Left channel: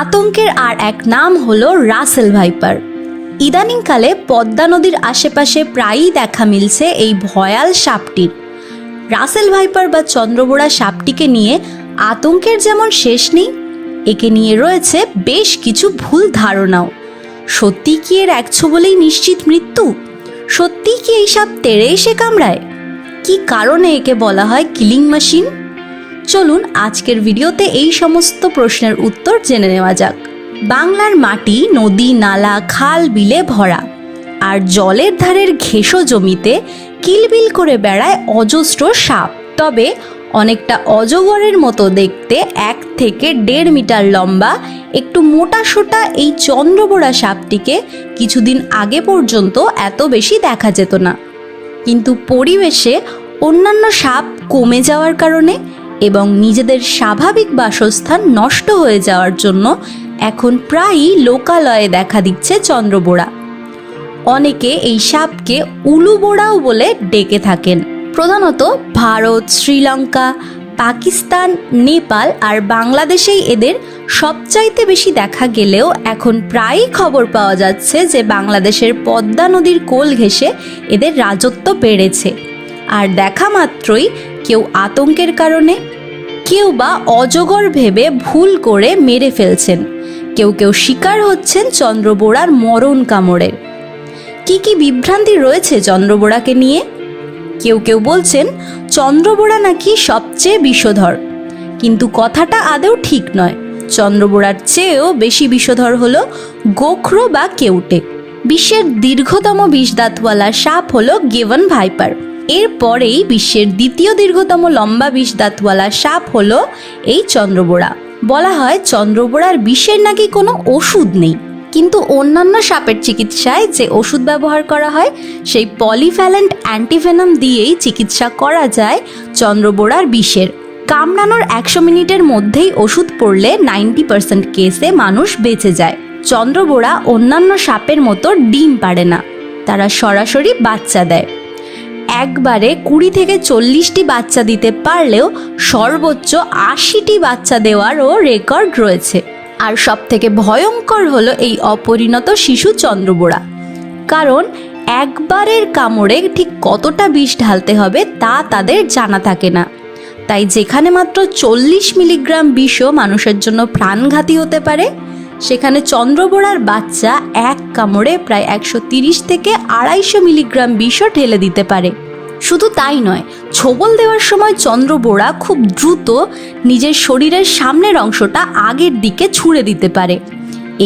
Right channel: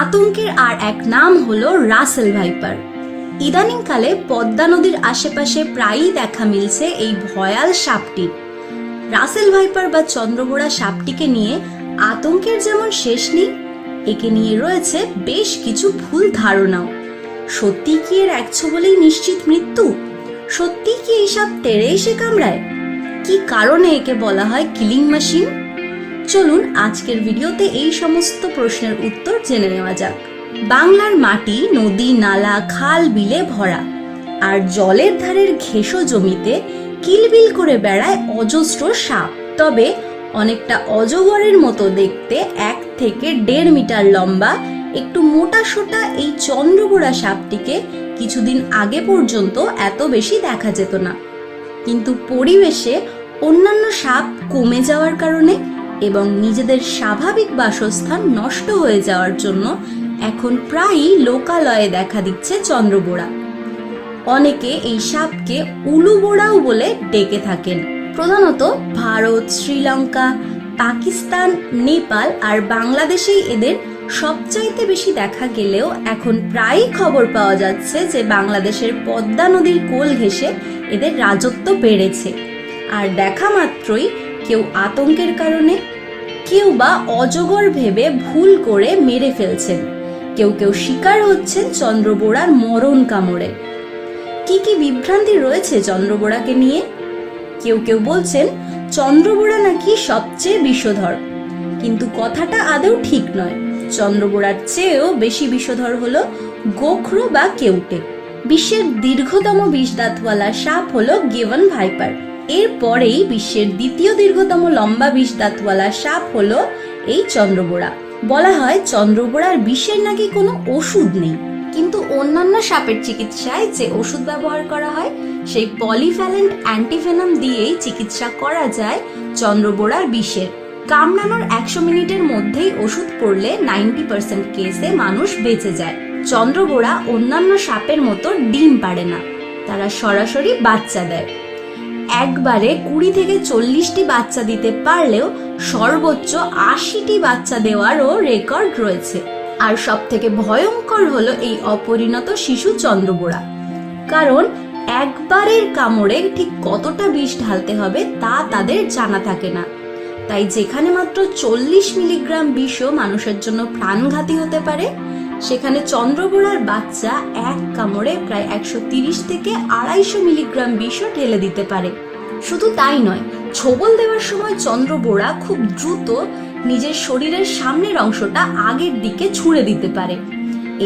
আতঙ্কের আর এক নাম হলো রাসেল ভাইপার। ইদানিংকালে পদ্মা নদীর আশেপাশে প্রায়ই দেখা মিলছে এই ভয়াল সাপটির। রাসেল ভাইপার বা চন্দ্রবোড়া সাপটিকে নিয়ে আতঙ্কের যেমন শেষ নেই, একে নিয়ে রয়েছে বেশ কিছু ভুল ধারণাও। সত্যি কি এর একছো বলেই নিশ্চিত মৃত্যু? সত্যি কি এই সাপ তেড়ে এসে কামড়ায়? কি কারণে একে বলা হয় কিলিং মেশিন? চলুন আজকের ভিডিওতে এই সমস্ত প্রশ্নের উত্তর জেনে নেওয়া যাক। বাংলার মাটি নদী, নালা, খাল, বিলে ভরা, আর জলের ধারের ঘেঁষো জমিতে কিলবিল করে বেড়ায় অজস্র সাপ। তবে অনেকটা অজগরের মতো দেখতে, 1 থেকে 1.5 মিটার লম্বা, একটু মোটা সোটা এই চন্দ্রবোড়া সাপটিকে কিছুদিন আগে পর্যন্ত এত বেশি দেখা যেত না। কিন্তু পরিবেশে অন্যান্য সাপ কমে যাওয়ার কারণে এবং নিজেদের স্বাভাবিক বাসস্থান নষ্ট হয়ে যাওয়ার জন্য এখন প্রায়ই লোকালয়ে দেখা দিচ্ছে চন্দ্রবোড়া। অনেকে এই সাপকে উলুবোড়াও বলে ডেকে থাকেন। প্রধানত ভারত, শ্রীলঙ্কা, পাকিস্তান, নেপাল আর বাংলাদেশেই এদের সবচাইতে বেশি দেখা গেলেও এখন প্রায়ই খবর পাওয়া যাচ্ছে যে বাংলাদেশের পদ্মা নদীর কোল ঘেঁষে এদের রাজত্ব বেড়েছে। আর দেখা মাত্রই কেউ আতঙ্কের কারণে, কেউ বা অজগর ভেবে ভুল করে মেরে ফেলছেন, কেউ কেউ শিকার হচ্ছেন চন্দ্রবোড়ার মরণ কামড়ের। কি কি বিভ্রান্তি রয়েছে চন্দ্রবোড়াকে নিয়ে? কেউ কেউ বলছেন চন্দ্রবোড়া নাকি সবচেয়ে বিষধর, কিন্তু কথাটা আদৌ ঠিক নয়। চন্দ্রবোড়ার চেয়েও বেশি বিষধর হলো গোখরো বা কেউটে। বিশ্বের দীর্ঘতম বিষদাঁতওয়ালা সাপ হলো গিবন ভাইপার। এরপরেই বিশ্বের দ্বিতীয় দীর্ঘতম লম্বা বিষদাঁতওয়ালা সাপ হলো এই চন্দ্রবোড়া। বলা হয় চন্দ্রবোড়ার বিষের নাকি কোনো ওষুধ নেই, কিন্তু অন্যান্য সাপের চিকিৎসায় যে ওষুধ ব্যবহার করা হয় সেই পলিভ্যালেন্ট অ্যান্টিভেনম দিয়েই চিকিৎসা করা যায় চন্দ্রবোড়ার বিষের। কামড়ানোর 100 মিনিটের মধ্যেই ওষুধ পড়লে 90% কেসে মানুষ বেঁচে যায়। চন্দ্রবোড়া অন্যান্য সাপের মতো ডিম পাড়ে না, তারা সরাসরি বাচ্চা দেয়। একবারে 20 থেকে 40টি বাচ্চা দিতে পারলেও সর্বোচ্চ 80টি বাচ্চা দেওয়ারও রেকর্ড রয়েছে। আর সব থেকে ভয়ঙ্কর হলো এই অপরিণত শিশু চন্দ্রবোড়া, কারণ একবারের কামড়ে ঠিক কতটা বিষ ঢালতে হবে তা তাদের জানা থাকে না। তাই যেখানে মাত্র 40 মিলিগ্রাম বিষও মানুষের জন্য প্রাণঘাতী হতে পারে, সেখানে চন্দ্রবোড়ার বাচ্চা এক কামড়ে প্রায় 130 থেকে 250 মিলিগ্রাম বিষও ঢেলে দিতে পারে। শুধু তাই নয়, ছোবল দেওয়ার সময় চন্দ্রবোড়া খুব দ্রুত নিজের শরীরের সামনের অংশটা আগের দিকে ছুঁড়ে দিতে পারে।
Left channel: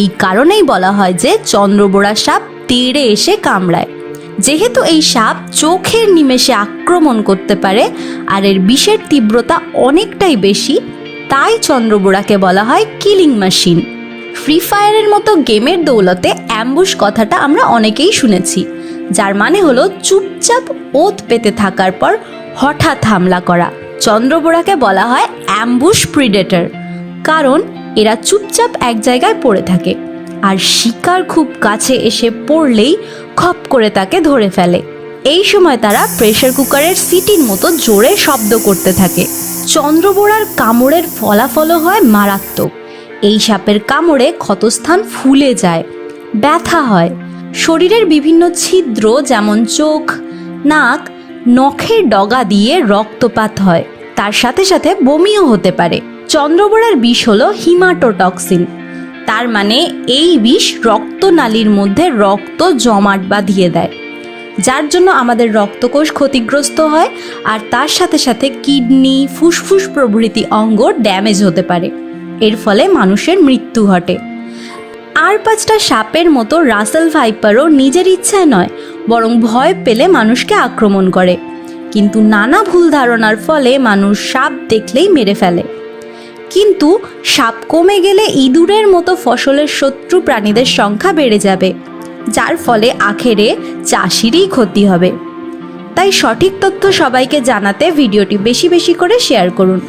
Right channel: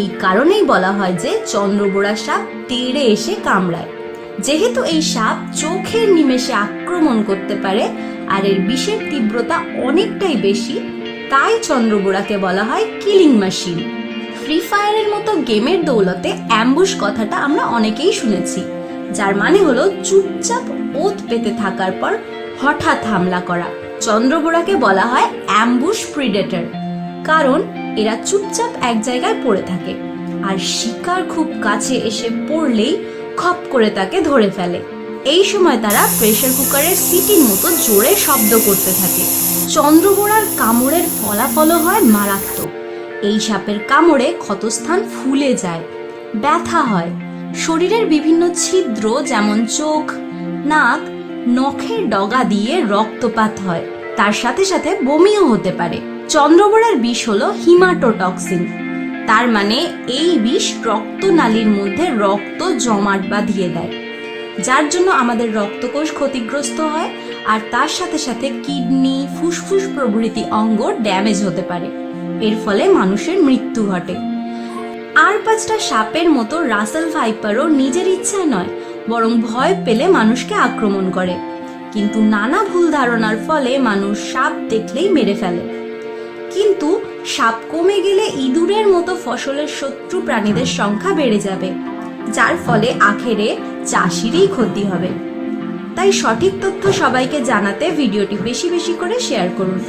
এই কারণেই বলা হয় যে চন্দ্রবোড়া সাপ তেড়ে এসে কামড়ায়। যেহেতু এই সাপ চোখের নিমেষে আক্রমণ করতে পারে আর এর বিষের তীব্রতা অনেকটাই বেশি, তাই চন্দ্রবোড়াকে বলা হয় কিলিং মেশিন। ফ্রি ফায়ারের মতো গেমের দৌলতে অ্যাম্বুশ কথাটা আমরা অনেকেই শুনেছি, যার মানে হলো চুপচাপ ওত পেতে থাকার পর হঠাৎ হামলা করা। চন্দ্রবোড়াকে বলা হয় অ্যাম্বুশ প্রিডেটর, কারণ এরা চুপচাপ এক জায়গায় পড়ে থাকে আর শিকার খুব কাছে এসে পড়লেই খপ করে তাকে ধরে ফেলে। এই সময় তারা প্রেসার কুকারের সিটির মতো জোরে শব্দ করতে থাকে। চন্দ্রবোড়ার কামড়ের ফলাফলও হয় মারাত্মক। এই সাপের কামড়ে ক্ষতস্থান ফুলে যায়, ব্যথা হয়, শরীরের বিভিন্ন ছিদ্র যেমন চোখ, নাক, নখের ডগা দিয়ে রক্তপাত হয়, তার সাথে সাথে বমিও হতে পারে। চন্দ্রবোড়ার বিষ হলো হিমাটোটক্সিন, তার মানে এই বিষ রক্তনালীর মধ্যে রক্ত জমাট বাঁধিয়ে দেয়, যার জন্য আমাদের রক্তকোষ ক্ষতিগ্রস্ত হয় আর তার সাথে সাথে কিডনি, ফুসফুস প্রভৃতি অঙ্গ ড্যামেজ হতে পারে। এর ফলে মানুষের মৃত্যু ঘটে। আর 5টা সাপের মতো রাসেল ভাইপারও নিজের ইচ্ছায় নয়, বরং ভয় পেলে মানুষকে আক্রমণ করে। কিন্তু নানা ভুল ধারণার ফলে মানুষ সাপ দেখলেই মেরে ফেলে। কিন্তু সাপ কমে গেলে ইঁদুরের মতো ফসলের শত্রু প্রাণীদের সংখ্যা বেড়ে যাবে, যার ফলে আখেরে চাষিরই ক্ষতি হবে। তাই সঠিক তথ্য সবাইকে জানাতে ভিডিওটি বেশি বেশি করে শেয়ার করুন।